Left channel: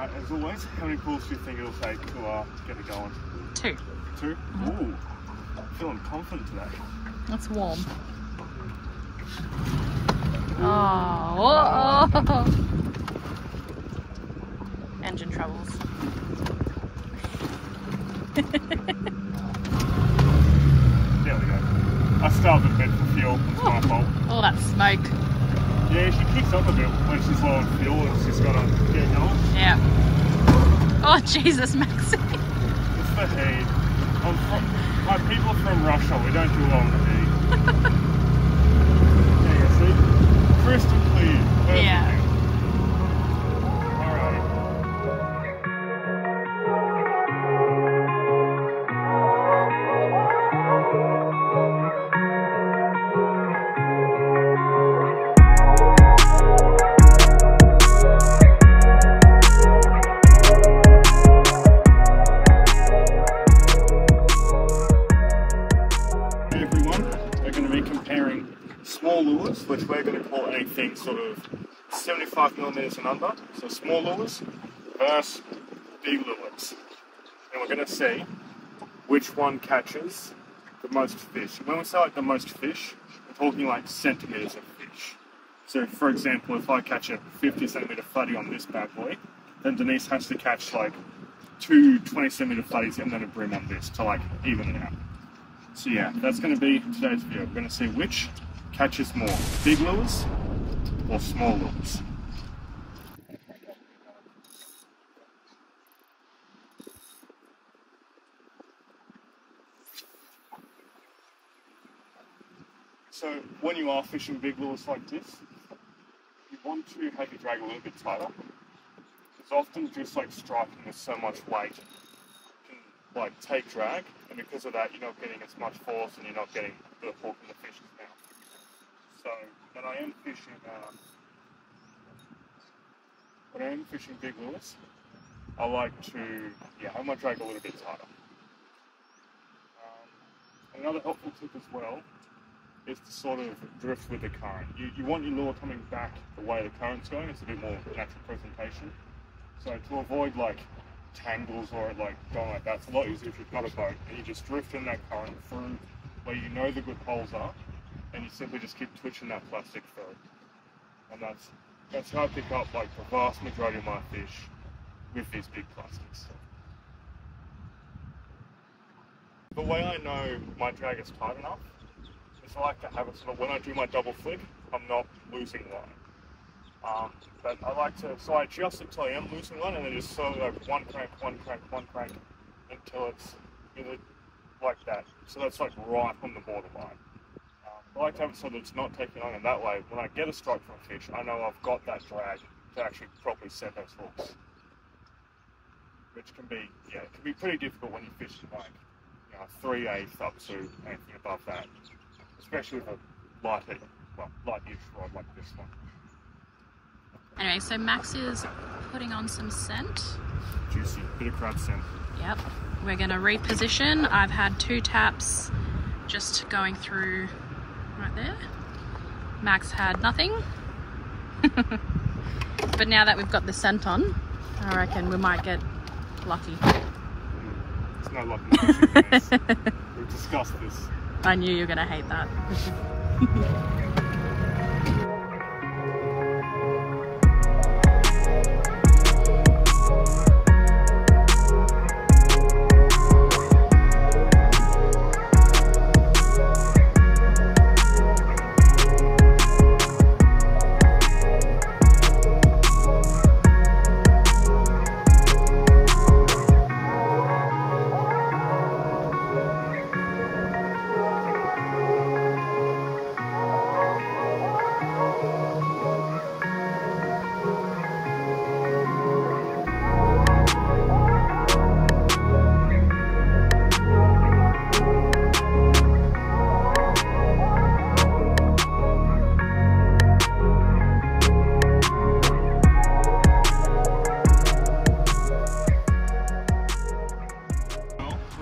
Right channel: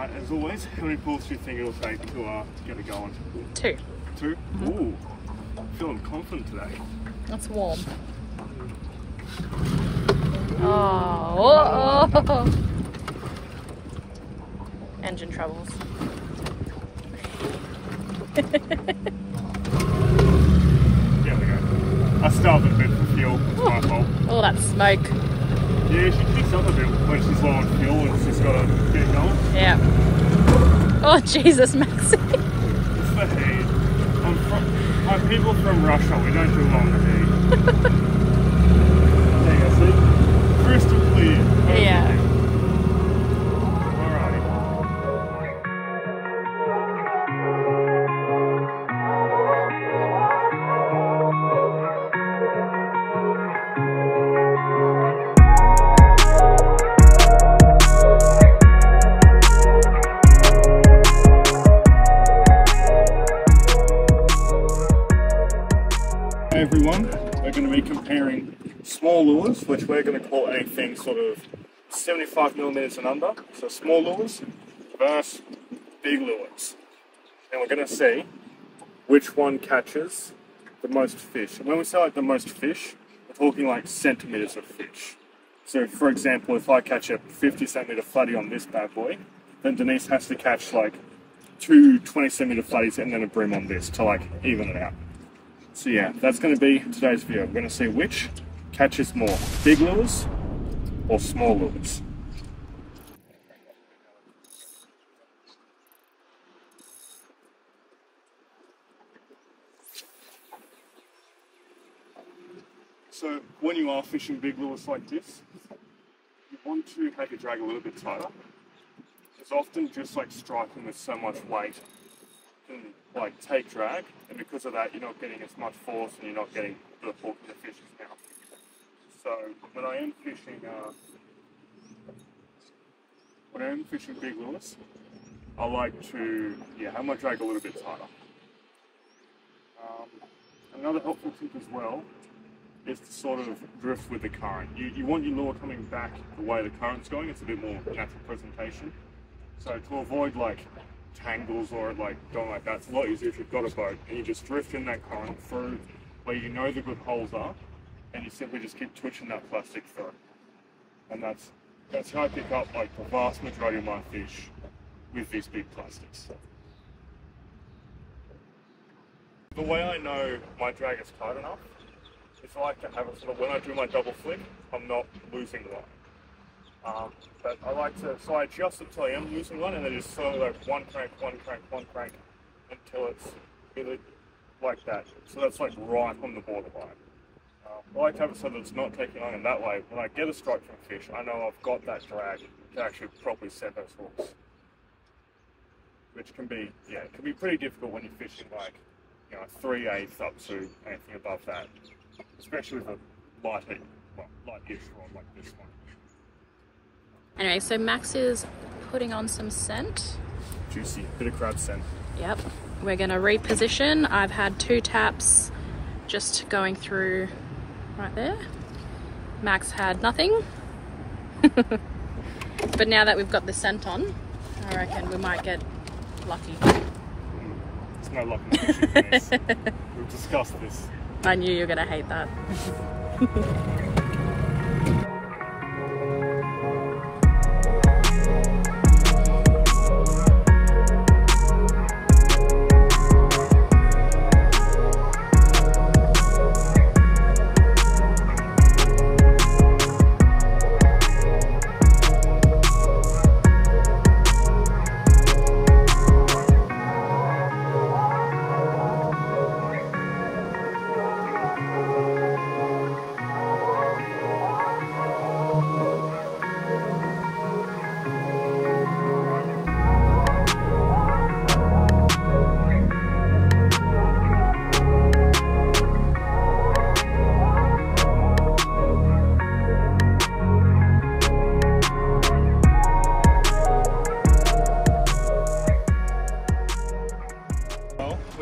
As always, how many pulls do you think it'll take to get it going? 2. 2? Ooh, feeling confident today. That's warm. Oh. Engine troubles. There we go. I starved a bit for fuel. It's my fault. Oh, that smoke. Yeah, she kicks up a bit when she's low on fuel and she's got to get going. Yeah. Oh, Jesus, Maxie. It's the heat. I'm people from Russia, we don't do long heat. There you go, see? Crystal clear. Perfect. Yeah. Everyone, we're going to be comparing small lures, which we're going to call anything sort of 75 millimeters and under, so small lures, versus big lures. And we're going to see which one catches the most fish. And when we say like the most fish, we're talking like centimeters of fish. So for example, if I catch a 50 centimeter flatty on this bad boy, then Denise has to catch like 2 20 centimeter flatties and then a bream on this to like even it out. So yeah, that's going to be today's video. We're going to see which catches more, big lures or small lures. So when you are fishing big lures like this, you want to have your drag a little bit tighter. It's often just like striking with so much weight can like take drag, and because of that you're not getting as much force and you're not getting the hook in the fish's mouth. So when I am fishing big lures, I like to have my drag a little bit tighter. Another helpful tip as well is to sort of drift with the current. You want your lure coming back the way the current's going. It's a bit more natural presentation. So to avoid like tangles or like going like that, it's a lot easier if you've got a boat and you just drift in that current through where you know the good holes are, and you simply just keep twitching that plastic through. And that's how I pick up like the vast majority of my fish with these big plastics. The way I know my drag is tight enough is I like to have it sort of when I do my double flick, I'm not losing line. But I like to, so I adjust it till I am losing one and then just slowly like one crank until it's either like that. So that's like right on the borderline. I like to have it so that it's not taking on, and that way when I get a strike from a fish, I know I've got that drag to actually properly set those hooks. Which can be, it can be pretty difficult when you're fishing like, 3/8 up to anything above that. Especially with a light-ish rod like this one. Anyway, so Max is putting on some scent. Juicy, bit of crab scent. Yep. We're going to reposition. I've had 2 taps just going through right there. Max had nothing. But now that we've got the scent on, I reckon we might get lucky. It's no luck in fishing this. We've discussed this. I knew you were going to hate that.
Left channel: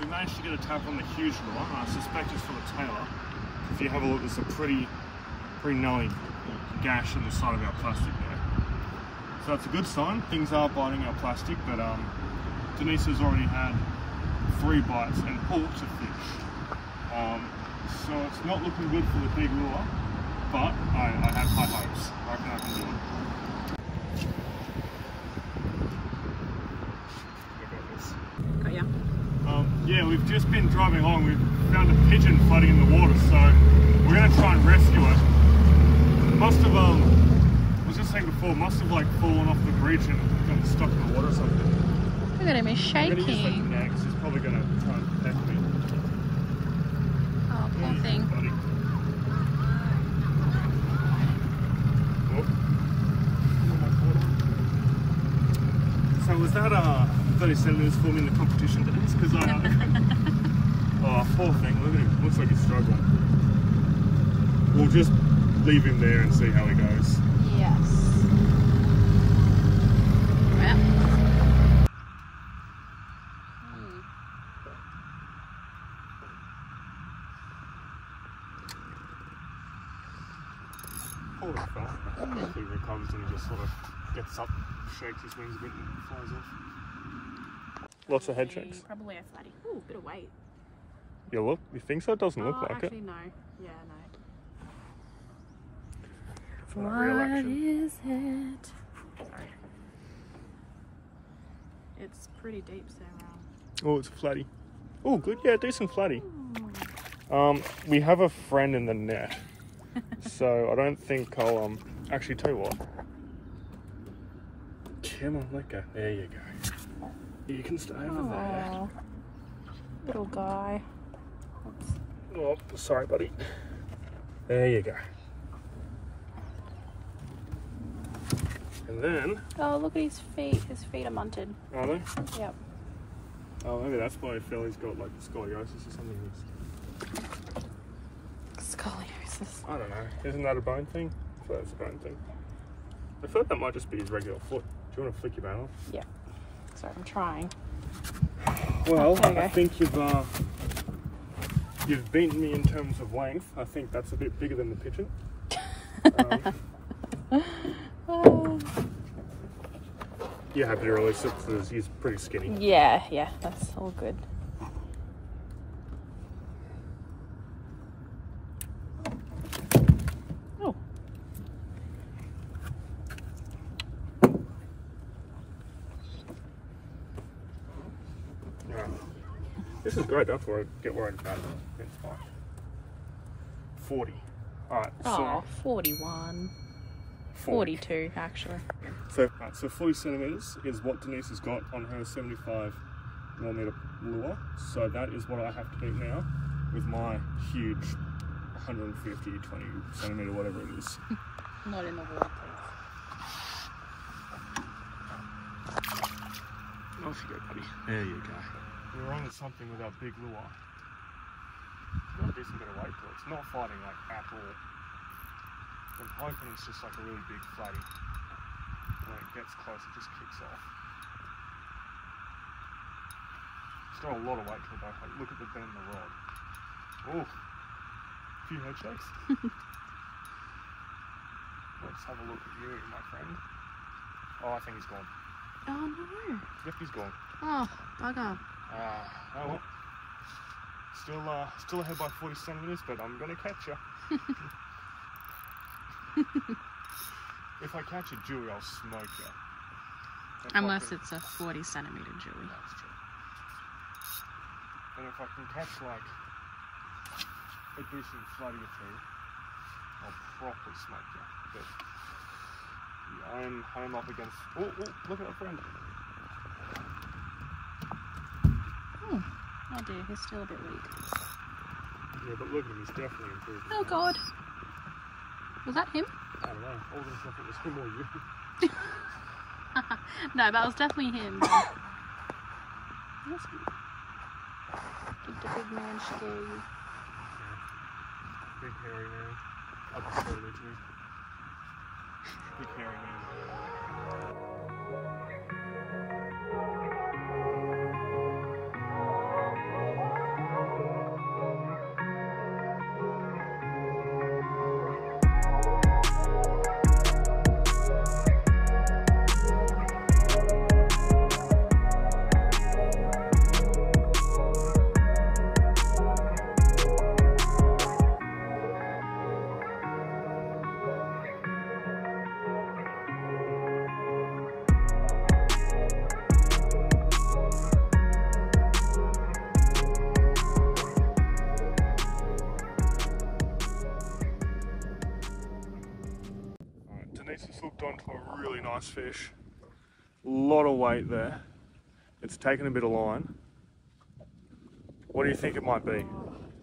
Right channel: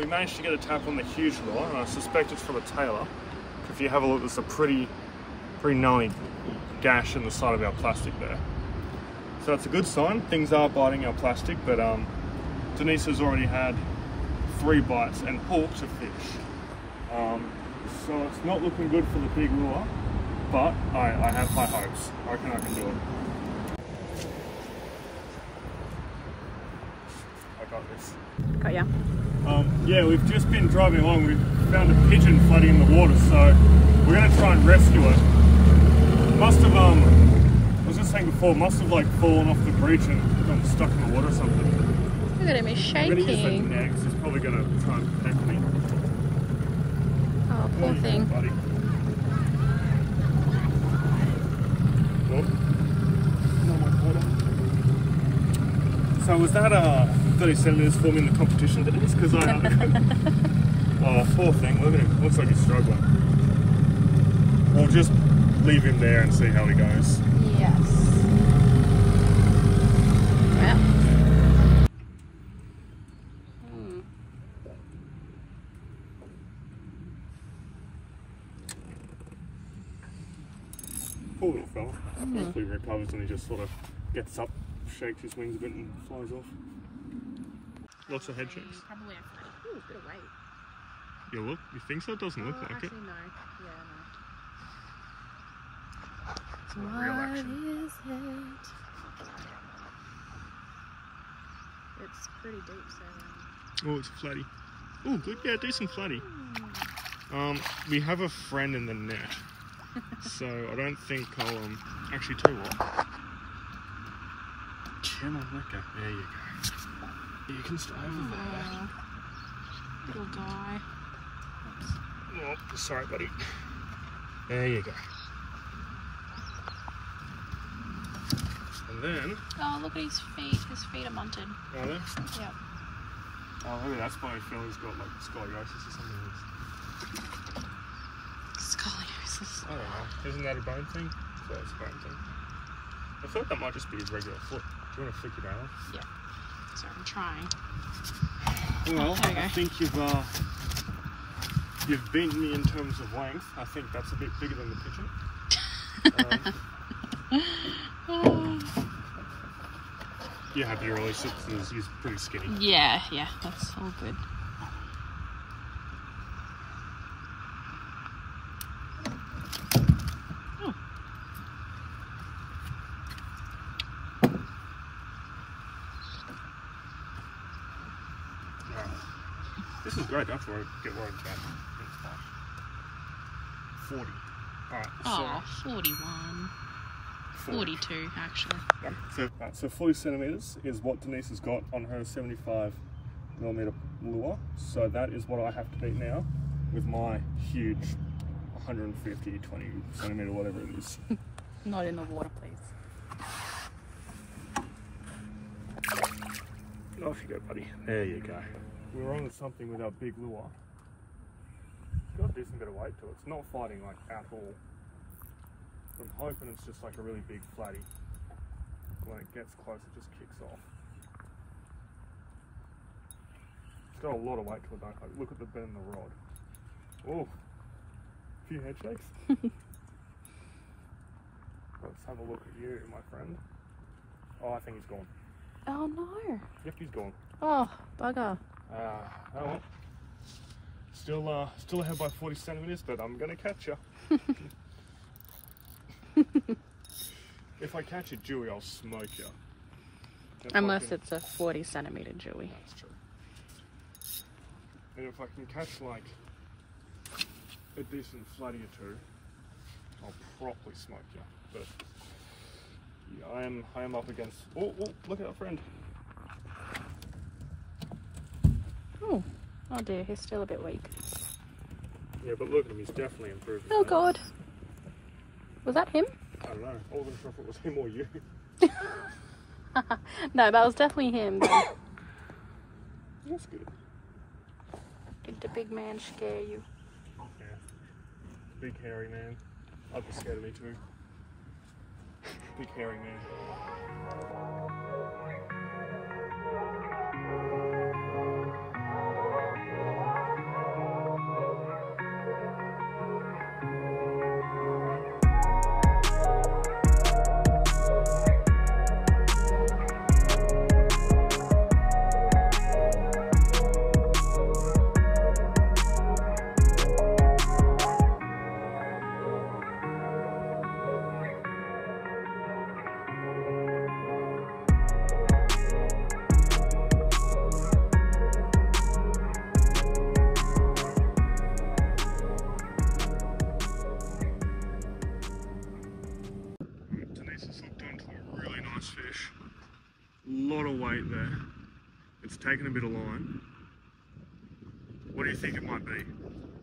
Managed to get a tap on the huge lure, and I suspect it's for the tailor. If you have a look, there's a pretty gnarly gash in the side of our plastic there. So So it's a good sign. Things are biting our plastic, but Denise has already had 3 bites and hooked a fish. So it's not looking good for the big lure, but I have high hopes. I reckon I can do it. I got this. Got ya. Yeah, we've just been driving along. We've found a pigeon floating in the water, so we're going to try and rescue it. Must have, I was just saying before, must have like fallen off the bridge and gotten stuck in the water or something. Look at him, he's shaking. Next, he's probably going to try and attack me. Oh, poor thing. Buddy. So was that 30 centimeters for me in the competition, Denise? Because I oh, poor thing, look at him. Looks like he's struggling. We'll just leave him there and see how he goes. Yes. Well. Poor little fella. Hopefully he recovers and he just sort of gets up, shakes his wings a bit and flies off. Lots of head shakes. Probably a fatty. Ooh, a bit of weight. You look? You think so? It doesn't look like actually, it. No. Yeah, no. It's not real action. Is it? It's pretty deep, so. Oh, it's a flatty. Oh, good. Yeah, decent flatty. We have a friend in the net, so I don't think I'll actually tell you what. Come on, let go. There you go. You can stay over there. Little guy. Oops. Oh, sorry, buddy. There you go. And then... Oh, look at his feet. His feet are munted. Are they? Yep. Oh, maybe that's why a fella's got like scoliosis or something. Scoliosis. I don't know. Isn't that a bone thing? I thought it's a bone thing. I thought that might just be his regular foot. Do you want to flick your balance? Yeah. Sorry, I'm trying. Well, there we go. I think you've beaten me in terms of length. I think that's a bit bigger than the pigeon. You're happy to release it because he's pretty skinny. Yeah, that's all good. Oh. Yeah. This is great. Don't get worried about it. 40. Alright. Oh, 41. 42 actually. So 40 centimeters is what Denise has got on her 75mm lure. So that is what I have to beat now with my huge 150, 20 centimeter, whatever it is. Not in the water, please. Off you go, buddy. There you go. We're on something with our big lure. It's got a decent bit of weight to it. It's not fighting like at all. I'm hoping it's just like a really big flatty. When it gets close, it just kicks off. It's got a lot of weight to the back. Like, look at the bend in the rod. Oh, a few head shakes. Let's have a look at you, my friend. Oh, I think he's gone. Oh no. Yep, he's gone. Oh, bugger. Oh well. Still ahead by 40 centimeters, but I'm gonna catch you. If I catch a Jewy, I'll smoke you. Unless it's a 40 centimeter Jewy. That's true. And if I can catch like a decent flatty or two, I'll properly smoke you. But yeah, I am up against. Oh, look at our friend. Oh dear, he's still a bit weak. Yeah, but look at him, he's definitely improved. Oh god. Was that him? I don't know. I wasn't sure if it was him or you. No, that was definitely him. That's good. Did the big man scare you? Yeah. Big hairy man. I'd be scared of me too. Big hairy man. He's just hooked onto a really nice fish. A lot of weight there. It's taken a bit of line. What do you think it might be?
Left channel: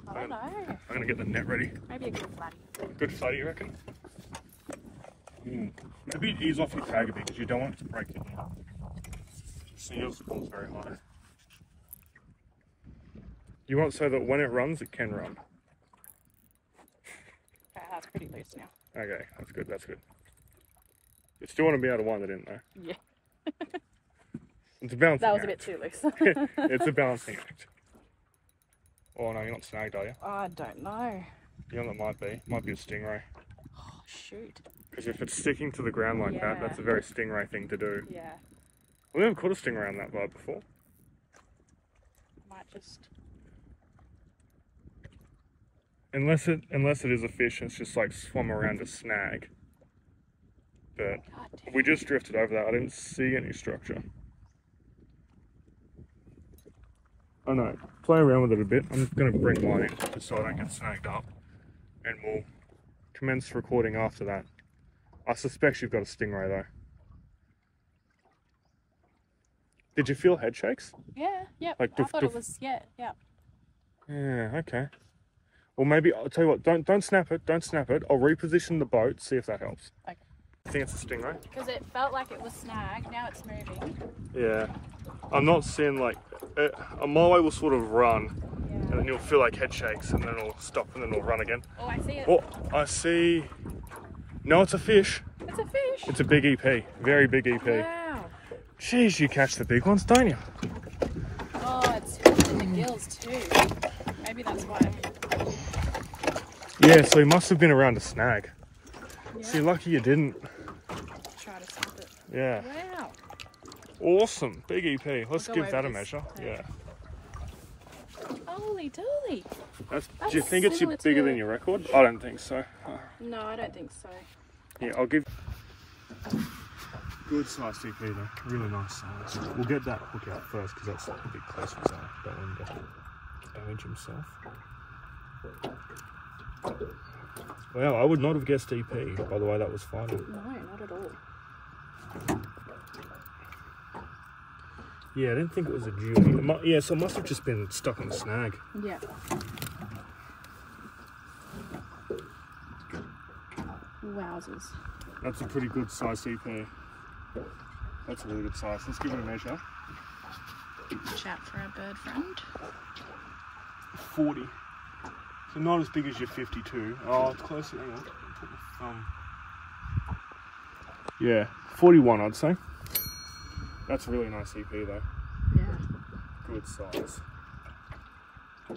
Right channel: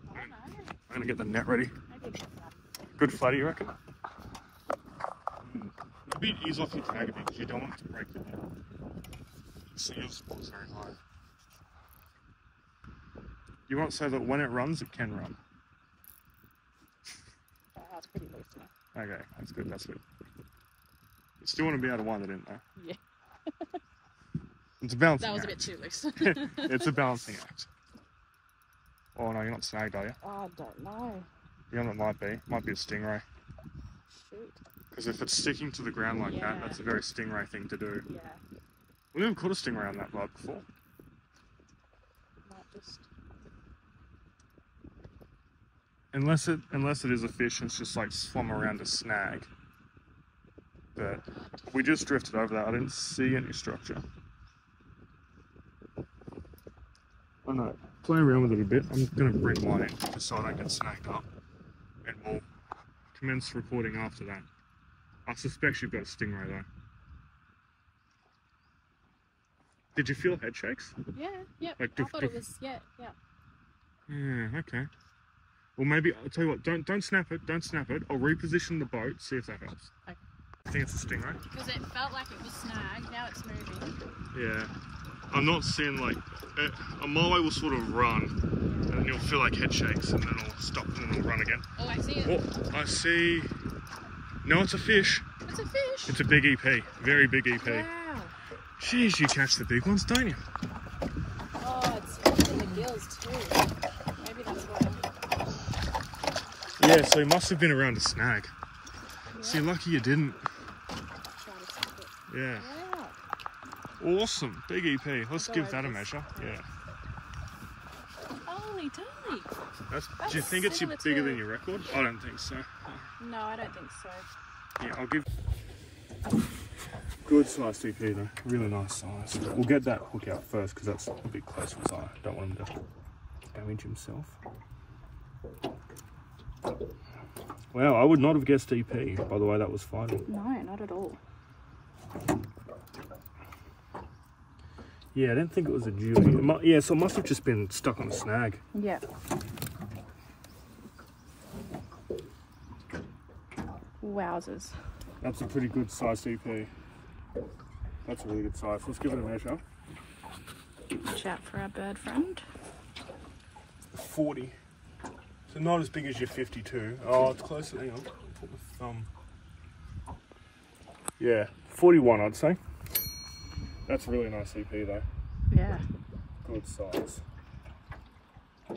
I don't know. I'm gonna get the net ready. Maybe a good flat. Good flatty, you reckon? Maybe ease off your tag a bit because you don't want it to break the net. See, yours falls very high. You want so that when it runs, it can run. Okay, that's pretty loose now. Okay, that's good, that's good. You still want to be able to wind it in though. Yeah. It's a balancing act. That was a bit too loose. It's a balancing act. Oh no, you're not snagged, are you? I don't know. You know what it might be a stingray. Oh, shoot. Because if it's sticking to the ground like that, that's a very stingray thing to do. Yeah. We haven't caught a stingray on that vibe before. Might just... Unless it is a fish and it's just like swum around a snag. But we just drifted over that. I didn't see any structure. I know. Play around with it a bit. I'm going to bring mine in just so I don't get snagged up. And we'll commence recording after that. I suspect you've got a stingray though. Did you feel head shakes? Yeah, yeah. Like I thought it was, yeah. Yeah, okay. Well, maybe, I'll tell you what, don't snap it, don't snap it. I'll reposition the boat, see if that helps. Okay. I think it's a stingray. Because it felt like it was snagged, now it's moving. Yeah. I'm not seeing like, a moai will sort of run, and then you'll feel like head shakes, and then it'll stop, and then it'll run again. Oh, I see it. Oh, I see. No, it's a fish. It's a fish. It's a big EP, very big EP. Wow. Jeez, you catch the big ones, don't you? Oh, it's the gills too. Maybe that's why. Yeah, so he must have been around a snag. Yeah. So you're lucky you didn't. Try to snap it. Yeah. Wow. Awesome, big EP. Let's give that a measure. Yeah. Holy dooly. Do you think it's bigger than your record? I don't think so. No, I don't think so. Yeah, I'll give. Good size EP though, really nice size. We'll get that hook out first because that's a bit close to his eye. Don't want him to damage himself. Wow, I would not have guessed EP by the way that was fighting. No, not at all. Yeah, I didn't think it was a dewy. Yeah, so it must have just been stuck on a snag. Yeah. Wowzers. That's a pretty good size EP. That's a really good size. Let's give it a measure. Chat for our bird friend. 40. So not as big as your 52. Oh, it's closer. Hang on. Put the thumb. Yeah, 41 I'd say. That's a really nice EP though. Yeah. Good size. Do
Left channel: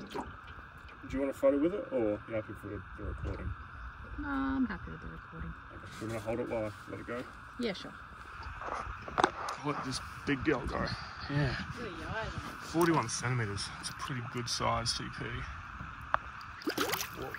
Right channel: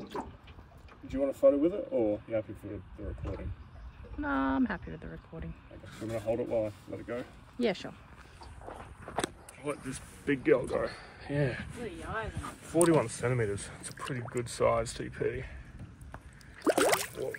you want a photo with it or are you happy for the recording? No, I'm happy with the recording. Okay, so I'm going to hold it while I let it go. Yeah, sure. I'll let this big girl go. Yeah. 41 centimetres. It's a pretty good size TP. Whoa.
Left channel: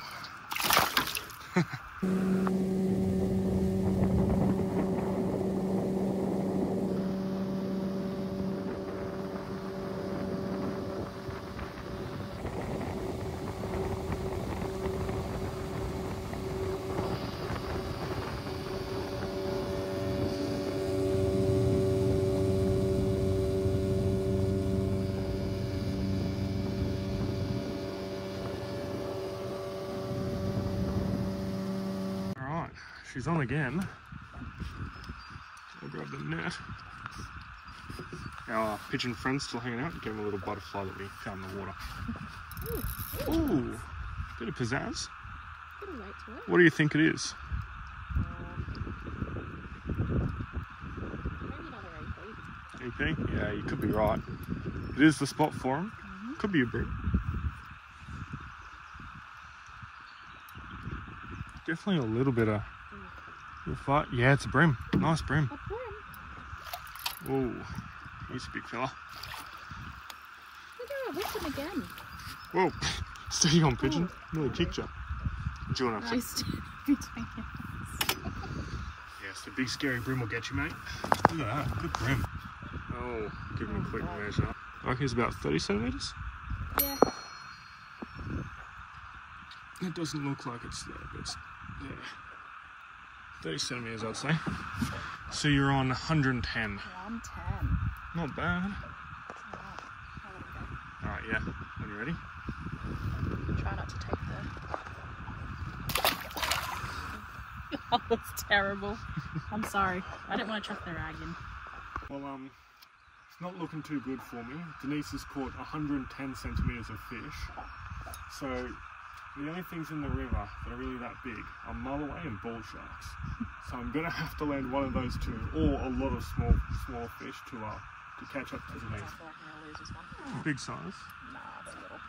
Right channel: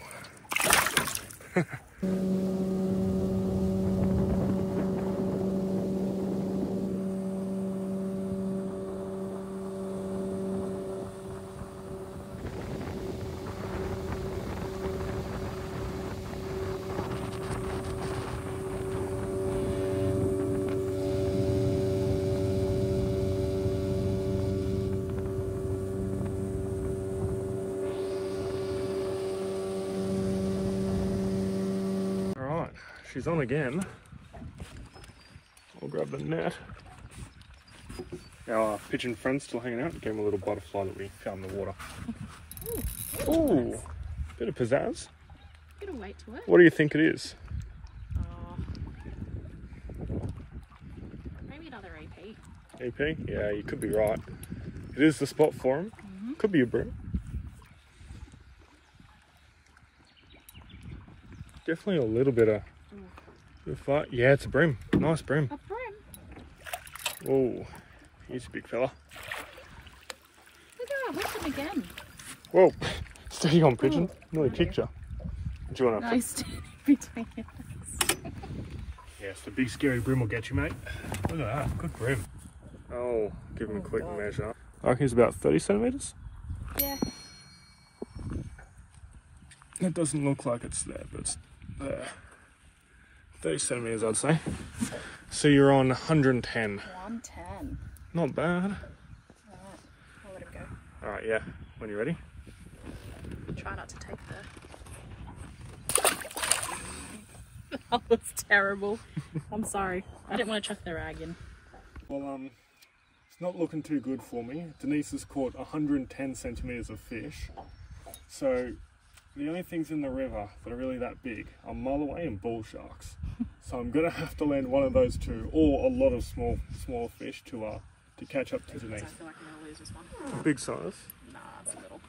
She's on again. I'll grab the net. Our pigeon friend's still hanging out. Give him a little butterfly that we found in the water. Ooh, bit of pizzazz. What do you think it is? Maybe another EP? Yeah, you could be right. It is the spot for him. Could be a bream. Definitely a little bit of... Yeah, it's a bream. Nice bream. Oh, he's a big fella. Look at that, again. Whoa, steady on pigeon. Nearly kicked you. Do you want to? Nice between us. Yes, the big scary bream will get you, mate. Look at that, good bream. Oh, give him a quick measure. I reckon he's about 30 centimetres. Yeah. It doesn't look like it's there, but it's there. 30 centimeters, I'd say. So you're on 110. 110. Not bad. Alright, I'll let him go. Alright, yeah. When you're ready. Try not to take the... Oh, that's terrible. I'm sorry. I didn't want to chuck the rag in. Well, it's not looking too good for me. Denise has caught 110 centimeters of fish. So the only things in the river that are really that big are mulloway and bull sharks. So I'm gonna have to land one of those two, or a lot of small fish to catch up to Denise. I feel like I'm gonna lose this one. Big size. Nah, it's a little.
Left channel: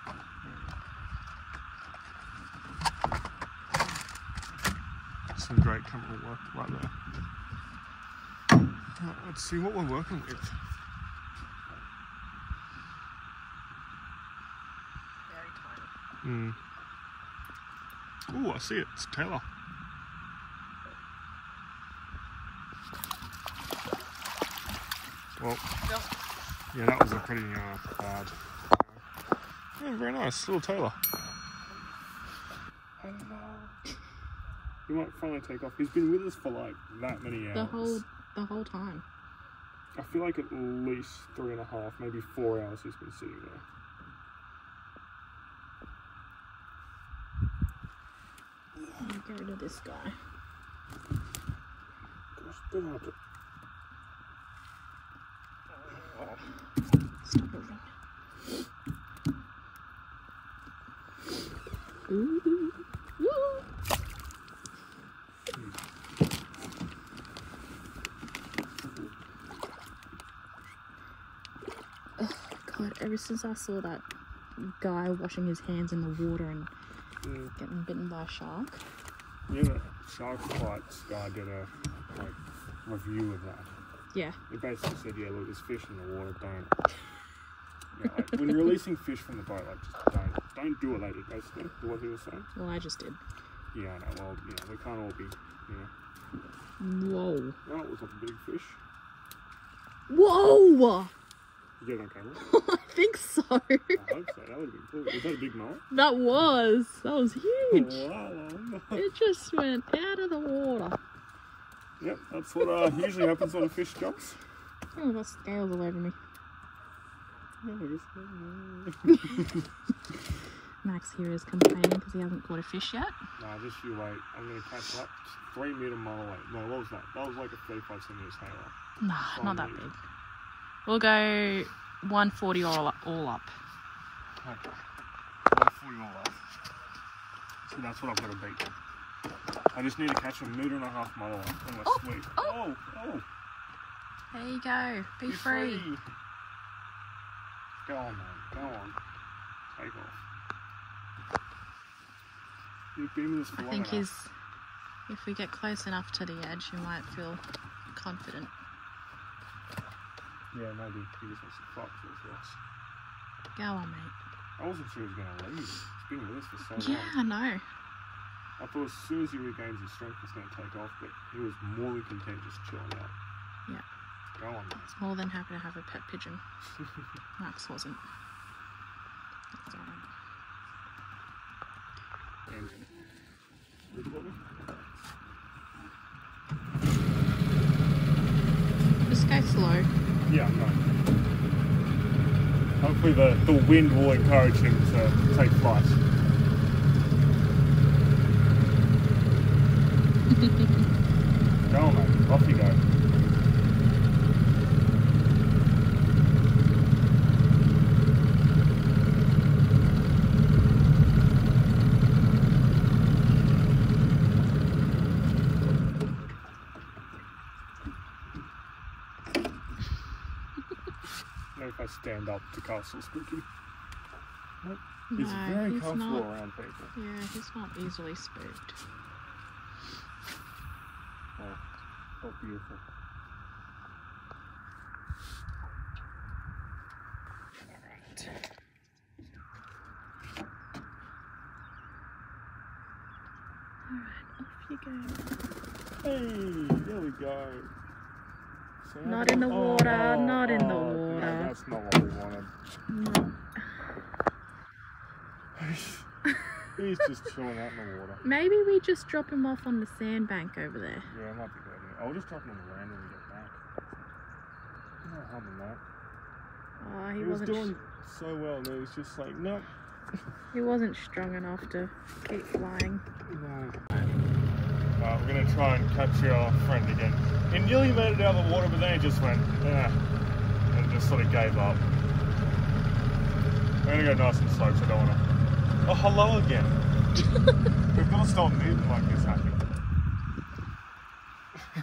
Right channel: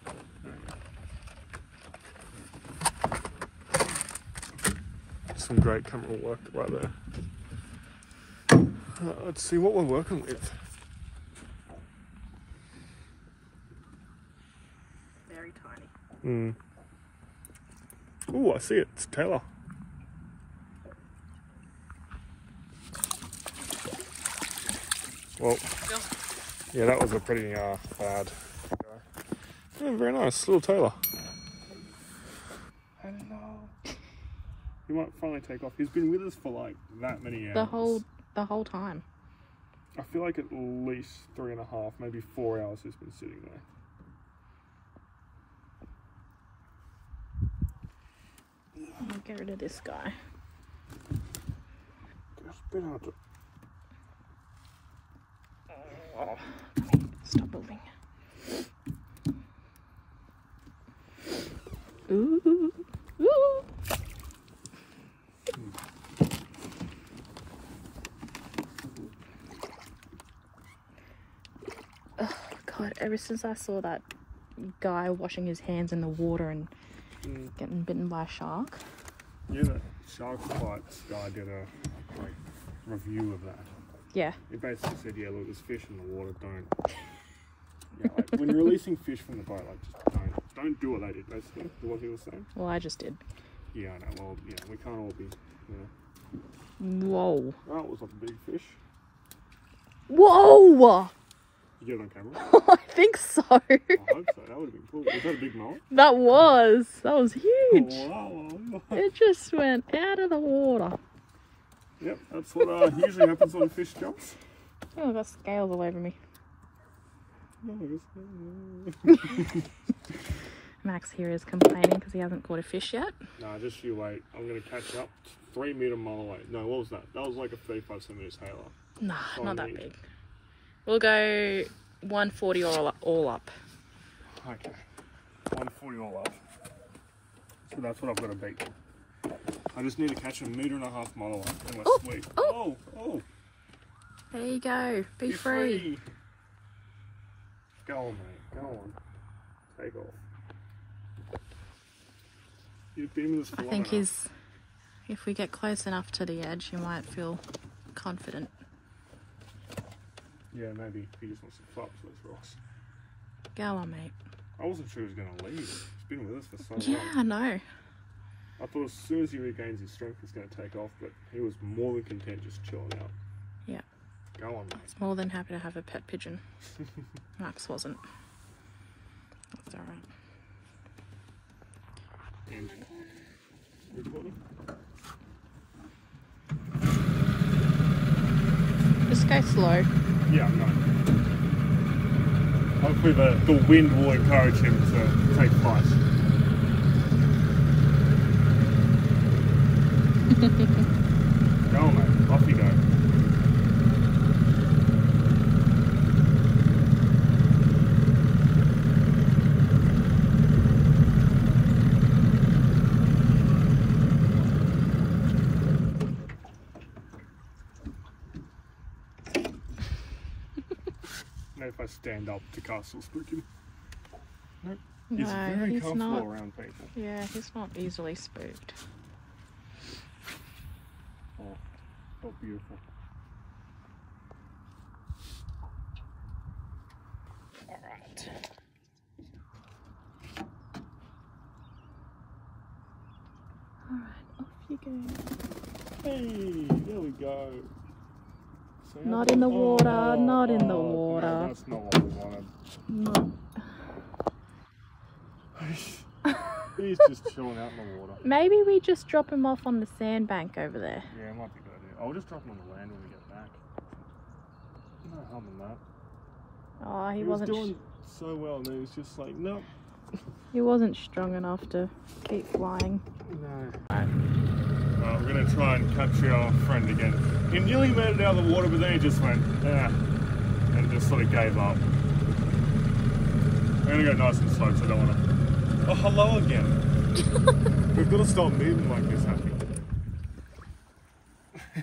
Some great camera work right there. Right, let's see what we're working with. Very tiny. Oh, I see it. It's tailor. Well, yeah, that was a pretty bad guy. Yeah, very nice. Little tailor. Hello. He might finally take off. He's been with us for like that many hours. The whole time. I feel like at least 3.5, maybe 4 hours he's been sitting there. I'll get rid of this guy. Gosh, bit hard to... Oh. Stop moving. Ooh. Ooh. Oh God, ever since I saw that guy washing his hands in the water and getting bitten by a shark. Yeah, the Shark Bites guy did a review of that. Yeah. He basically said, yeah, look, there's fish in the water, don't... Yeah, like, when you're releasing fish from the boat, like, just don't do it, lady, basically, what he was saying. Well, I just did. Yeah, I know, well, you know, we can't all be, you know. Whoa. That was like a big fish. Whoa! Did you get it on camera? I think so. I hope so, that would have been cool. Was that a big mullet? That was huge. Oh, wow. It just went out of the water. Yep, that's what usually happens when a fish jumps. Oh, I've got scales all over me. Max here is complaining because he hasn't caught a fish yet. Nah, just you wait. I'm going to catch up. 3 metre mullet. No, what was that? That was like a 35 centimetres halo. Nah, not that big. We'll go 140 all up. Okay. 140 all up. So that's what I've got to beat. I just need to catch a 1.5 metre mullet. Oh, sweet. oh. Oh. There you go. Be free. Go on, mate. Go on. Take off. You've been with us for long I think enough. if we get close enough to the edge, you might feel confident. Yeah, maybe. He just wants to fight for those rocks. Go on, mate. I wasn't sure he was going to leave. He's been with us for so Yeah, long. I know. I thought as soon as he regains his strength, he's going to take off, but he was more than content just chilling out. Yeah. Go on, mate. He's more than happy to have a pet pigeon. Max wasn't. That's alright. And recording? Just go slow. Yeah, no. Hopefully the wind will encourage him to take flight. Go on, mate. Off you go. If I stand up to castle spooky. Nope. He's very comfortable around people. Yeah, he's not easily spooked. Oh, beautiful. Alright. Alright, off you go. Hey, there we go. Not in the water, not in the water. No, that's not what we wanted. No. He's just chilling out in the water. Maybe we just drop him off on the sandbank over there. Yeah, it might be good. I'll just drop him on the land when we get back. No harm in that. Oh, he was doing so well, and it was just like, no. He wasn't strong enough to keep flying. No. We're going to try and capture our friend again. He nearly made it out of the water, but then he just went, yeah, and just sort of gave up. We're going to go nice and slow, so I don't want to... Oh, hello again. We've got to stop moving like this, honey.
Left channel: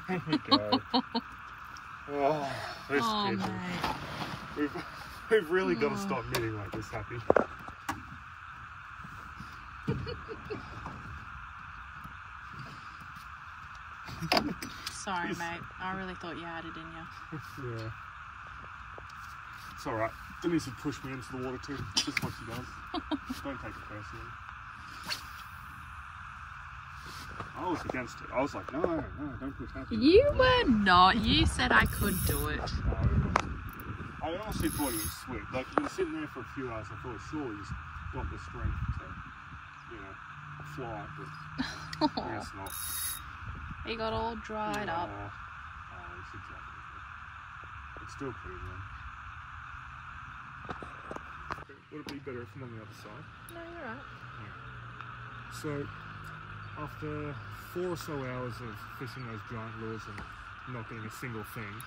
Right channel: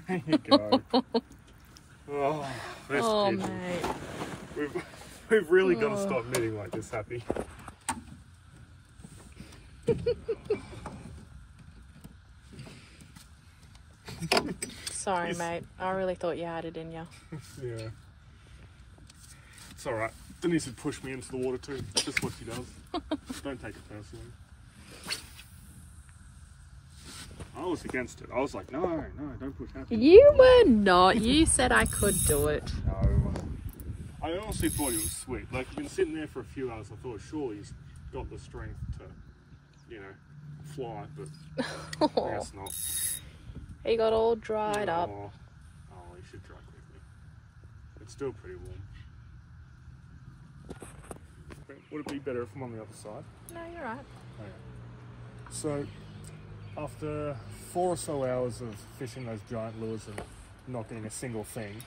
There you go. Oh, that's mate. We've really got to stop moving like this, Happy. Sorry, mate. I really thought you had it in you. Yeah. It's alright. Denise would push me into the water too. Just what she does. Don't take it personally. I was against it. I was like, no, don't push that. You were not. You said I could do it. No. I honestly thought he was sweet. Like, you've been sitting there for a few hours. I thought, surely he's got the strength to, you know, fly, but I guess not. He got all dried up. Oh, he should drop it. It's still pretty warm. Okay, would it be better if I'm on the other side? No, you're out. Okay. So, after 4 or so hours of fishing those giant lures and not getting a single thing,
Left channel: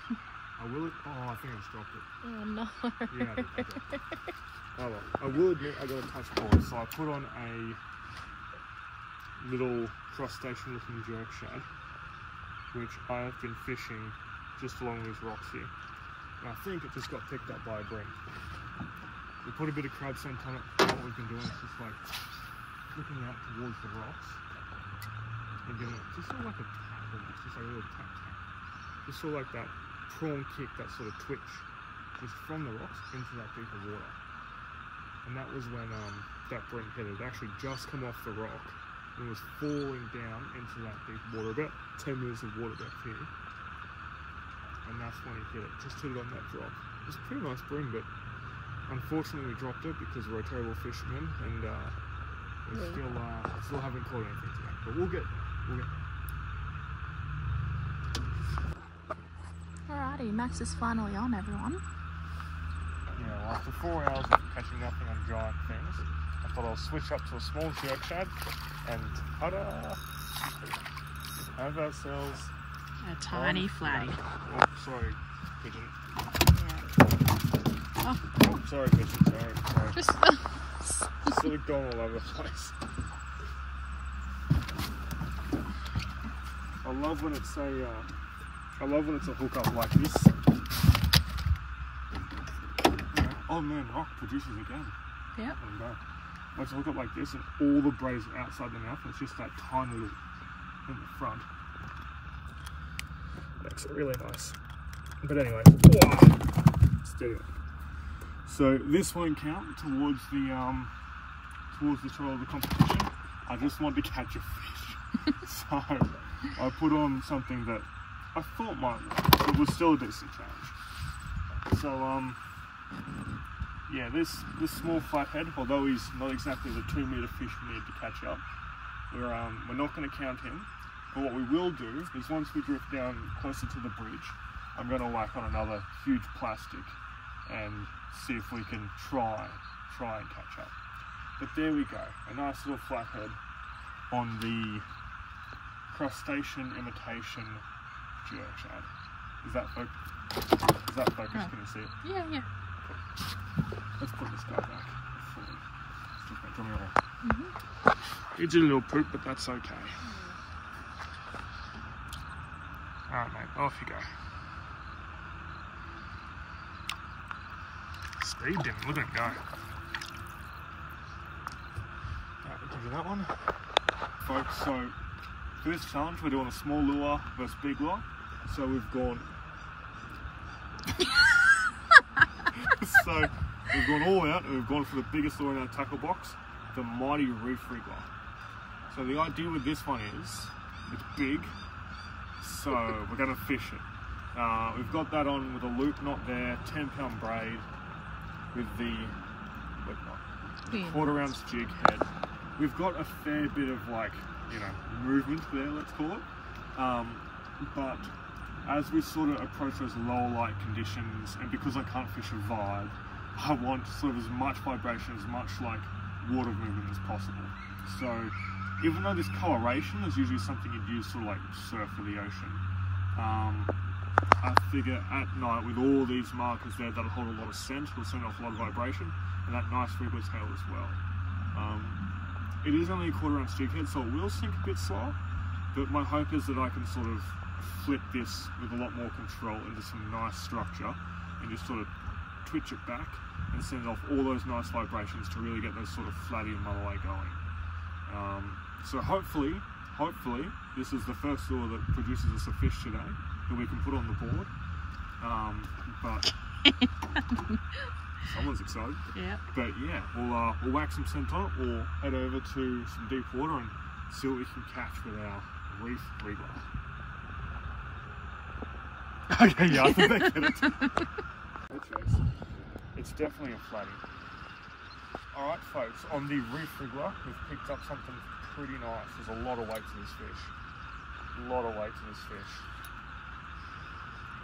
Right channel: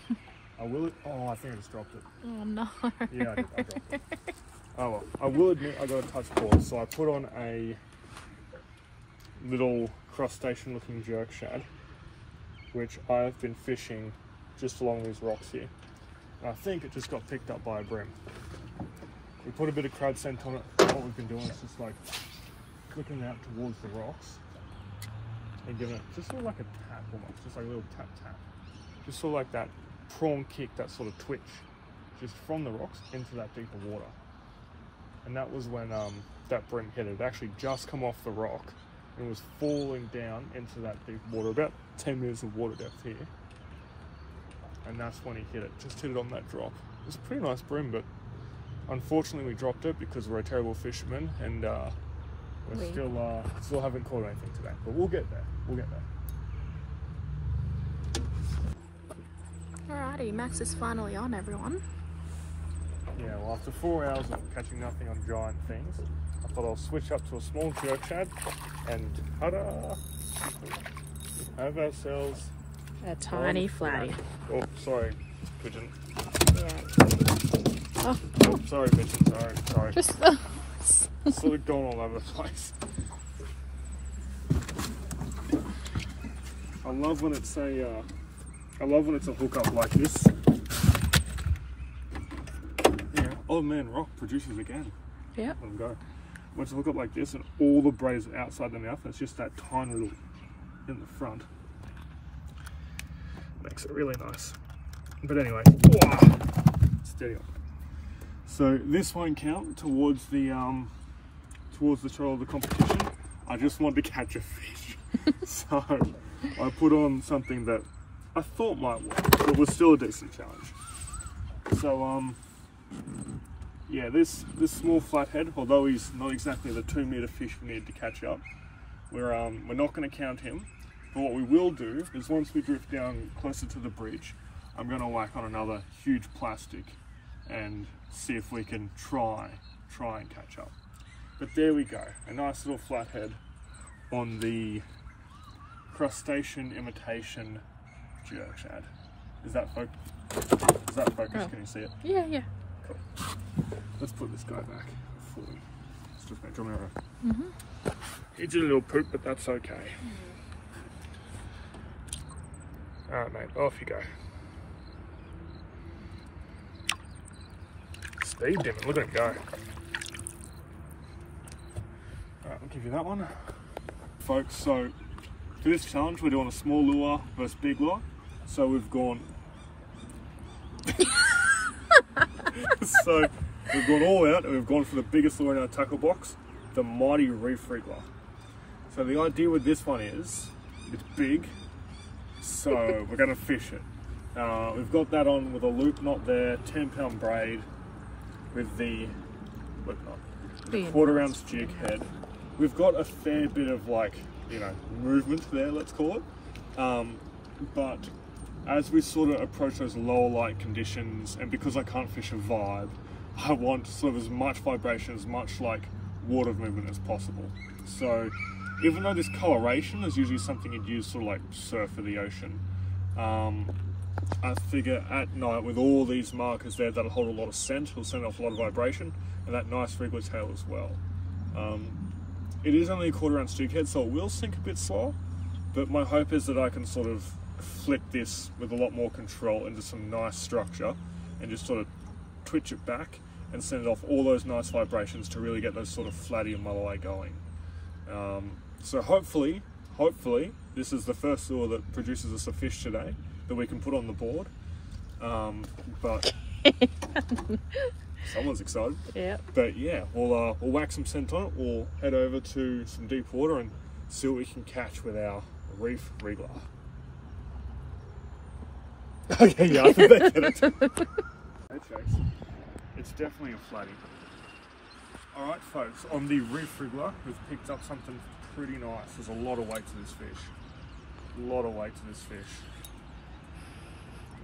I will... Oh, I think I just dropped it. Oh, no. Yeah, I dropped it. Oh well. I will admit I got a touch cord, so I put on a little crustacean looking jerk shad, which I have been fishing just along these rocks here. And I think it just got picked up by a bream. We put a bit of crab scent on it. What we've been doing is just like flicking out towards the rocks and giving it just sort of like a tap almost, just like a little tap tap. Just sort of like that prawn kick, that sort of twitch, just from the rocks into that deeper water. And that was when that bream hit it. It actually just come off the rock and was falling down into that deep water, about 10 meters of water depth here. And that's when he hit it, just hit it on that drop. It was a pretty nice bream, but unfortunately we dropped it because we're a terrible fishermen, and we still haven't caught anything today. But we'll get there, we'll get there. Alrighty, Max is finally on, everyone. Yeah, well, after 4 hours of catching nothing on giant things, I thought I'll switch up to a small jerk shad and ta-da! Have ourselves a tiny flatty. Oh, sorry, pigeon. Yeah. Oh, sorry, pigeon. Sorry. Just sort of gone all over the place. I love when it's a hookup like this. Oh man, rock produces again. Yeah. There we go. Once you hook up like this and all the braid is outside the mouth, it's just that tiny little in the front. Makes it really nice. But anyway, steady on. So this won't count towards the total of the competition. I just wanted to catch a fish. So I put on something that I thought might work, but it was still a decent challenge. So yeah, this small flathead, although he's not exactly the 2 meter fish we need to catch up, we're not going to count him. But what we will do is once we drift down closer to the bridge, I'm going to whack on another huge plastic and see if we can try and catch up. But there we go, a nice little flathead on the crustacean imitation jerk shad. Is that focus? Oh. Can you see it? Yeah. Cool. Let's put this guy back. Let's just make sure he did a little poop, but that's okay. Alright mate, off you go. Speed dimming, look at him go. Alright, we'll give you that one. Folks, so for this challenge we're doing a small lure versus big lure. So we've gone all out and we've gone for the biggest lure in our tackle box, the mighty reef wriggler. So the idea with this one is, it's big, so we're going to fish it. We've got that on with a loop knot there, 10-pound braid with the 1/4 ounce jig head. we've got a fair bit of like, you know, movement there, let's call it. But as we sort of approach those lower light conditions, and because I can't fish a vibe, I want sort of as much vibration, as much like water movement as possible. So even though this coloration is usually something you'd use sort of like surf for the ocean, I figure at night with all these markers there that'll hold a lot of scent, it'll send off a lot of vibration, and that nice wriggler tail as well. It is only a 1/4 ounce jig head, so it will sink a bit slower, but my hope is that I can sort of flip this with a lot more control into some nice structure and just sort of twitch it back and send off all those nice vibrations to really get those sort of flatty and mulloway going. So hopefully this is the first lure that produces us a fish today that we can put on the board. But someone's excited. Yeah. But yeah, we'll whack some scent on it. We'll head over to some deep water and see what we can catch with our reef wriggler. Okay, yeah, I think they get it. Chase. It's definitely a flatty. Alright folks, on the reef wriggler, we've picked up something pretty nice. There's a lot of weight to this fish. A lot of weight to this fish.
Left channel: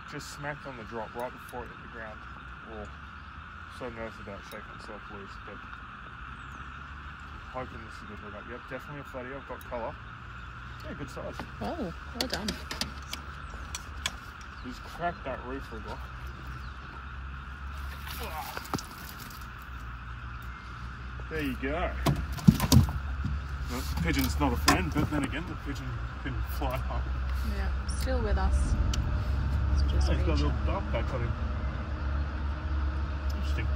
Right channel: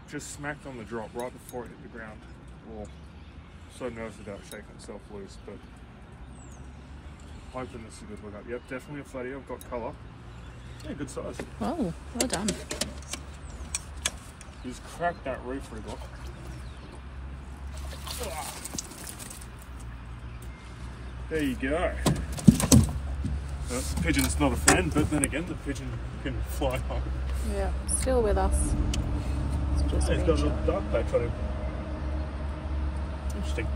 Just smacked on the drop right before it hit the ground. Oh, so nervous about shaking itself loose, but hoping this is a good hook up. Yep, definitely a flatty. I've got colour. Yeah, good size. Oh, well done. Just cracked that reef wriggler. There you go. Well, the pigeon's not a friend, but then again, the pigeon can fly home. Yeah, still with us. It's just he's got a little dark patch on him. Interesting.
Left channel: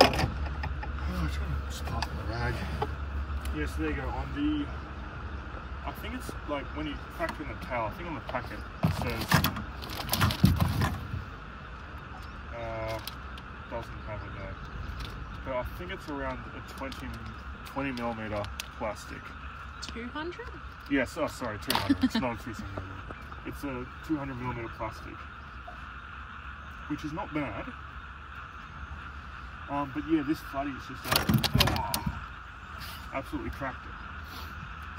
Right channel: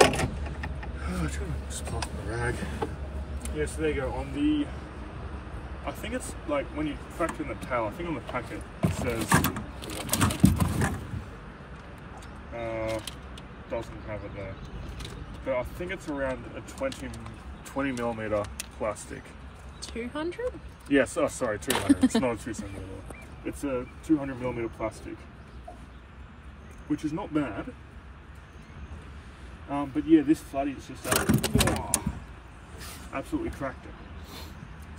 Oh, I'm trying to spot the rag. Yeah, so there you go. On the, I think it's like when you factor in the tail, I think on the packet it says, doesn't have it there. But I think it's around a 20 millimeter plastic. 200? Yes, oh sorry, 200. It's not a 2 centimeter. It's a 200 millimeter plastic, which is not bad. But yeah, this flatty is just absolutely cracked it.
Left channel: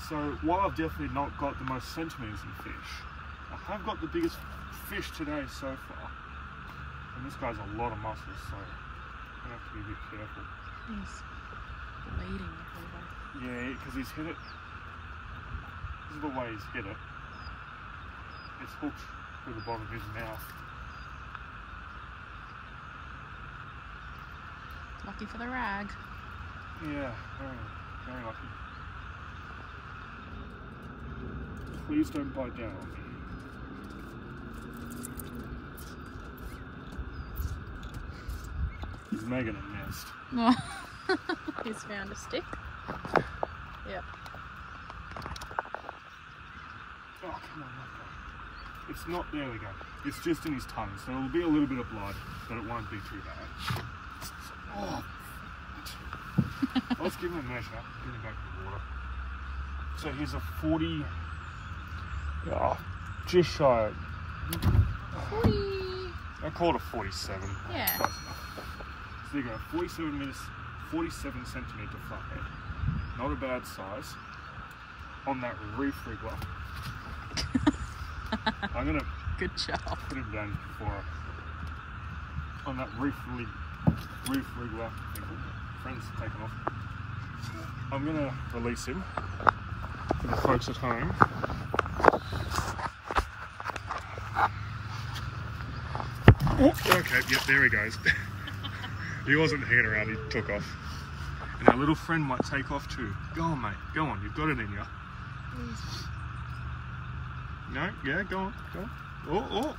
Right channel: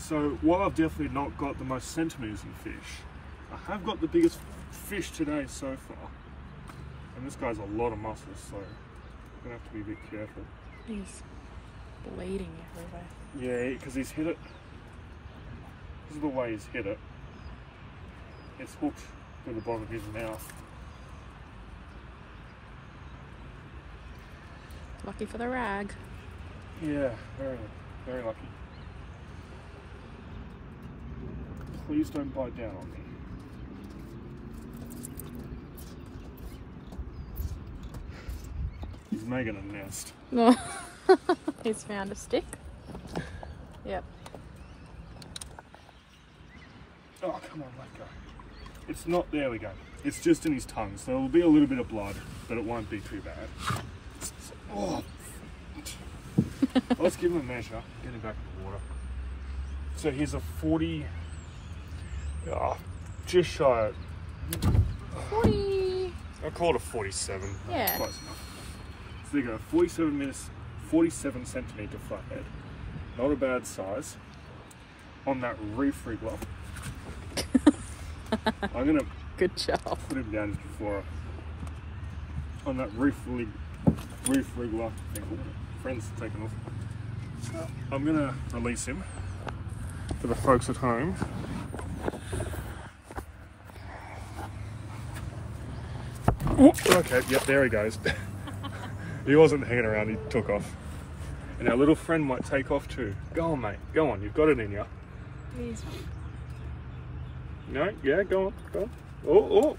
So while I've definitely not got the most centimeters in fish, I have got the biggest fish today so far. And this guy's a lot of muscles, so I'm gonna have to be a bit careful. He's bleeding everywhere. Yeah, because he's hit it. This is the way he's hit it. It's hooked through the bottom of his mouth. Lucky for the rag. Yeah, very, very lucky. Please don't bite down on me. He's making a nest. He's found a stick. Yep. Oh, come on, let go. It's not, there we go. It's just in his tongue, so there'll be a little bit of blood, but it won't be too bad. Oh, let's give him a measure. Get him back in the water. So here's a 40, just shy. 40. I call it a 47. Yeah. Close enough. So there you go, 47 centimeter flathead. Not a bad size. On that reef wriggler. I'm gonna good job. Put him down before on that reef wriggler. Friend's taken off. I'm gonna release him for the folks at home. Okay, yep, there he goes. He wasn't hanging around, he took off. And our little friend might take off too. Go on, mate, go on, you've got it in you. No, yeah, go on, go on. Oh,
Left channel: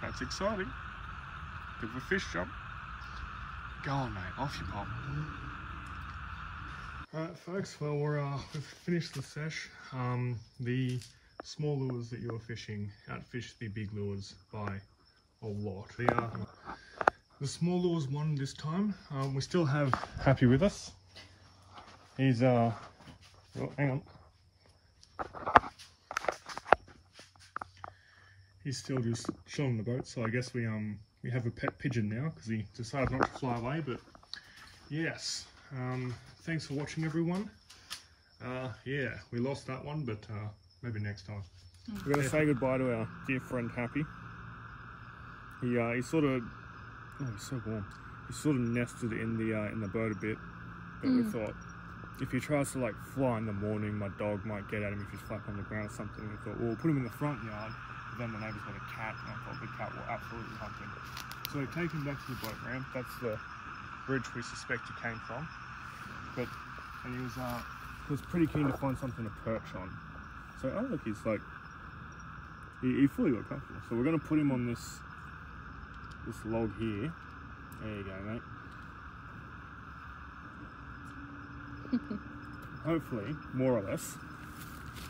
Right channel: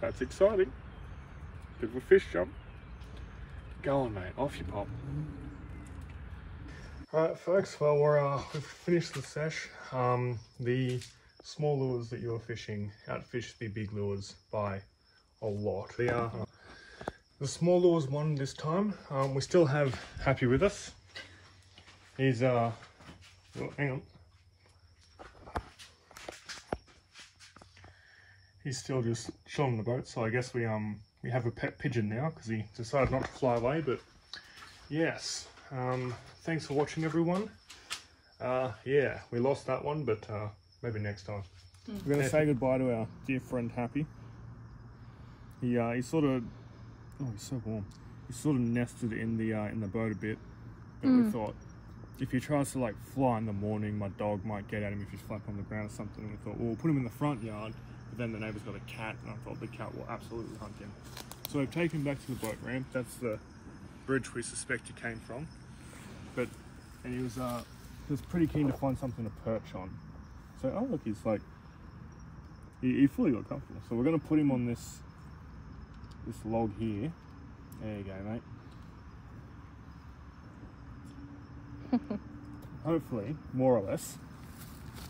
that's exciting. Bit of a fish jump. Go on, mate, off you pop. Alright, folks, well, we've finished the sesh. The small lures that you're fishing outfish the big lures by a lot. The small lures won this time. We still have Happy with us. He's, oh, hang on. He's still just chilling the boat, so I guess we have a pet pigeon now because he decided not to fly away. But yes, thanks for watching, everyone. Yeah, we lost that one, but maybe next time. We're going to say goodbye to our dear friend Happy. He sort of, oh, he's so warm. He sort of nested in the boat a bit, but we thought if he tries to like fly in the morning, my dog might get at him if he's flat on the ground or something. And we thought, well, we'll put him in the front yard, but then the neighbour's got a cat, and I thought the cat will absolutely hunt him. So we've taken him back to the boat ramp. That's the bridge we suspect he came from. But he was pretty keen to find something to perch on. So, oh look, he's like, he fully got comfortable. So we're going to put him on this log here. There you go, mate. Hopefully, more or less,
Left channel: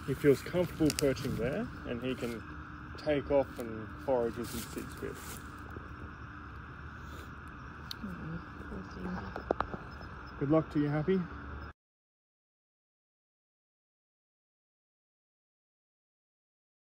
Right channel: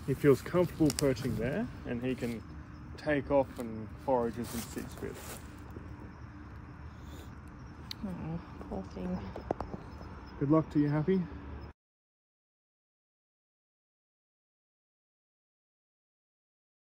he feels comfortable perching there, and he can take off and forage as he sees fit. Oh, poor thing. Good luck to you, Happy.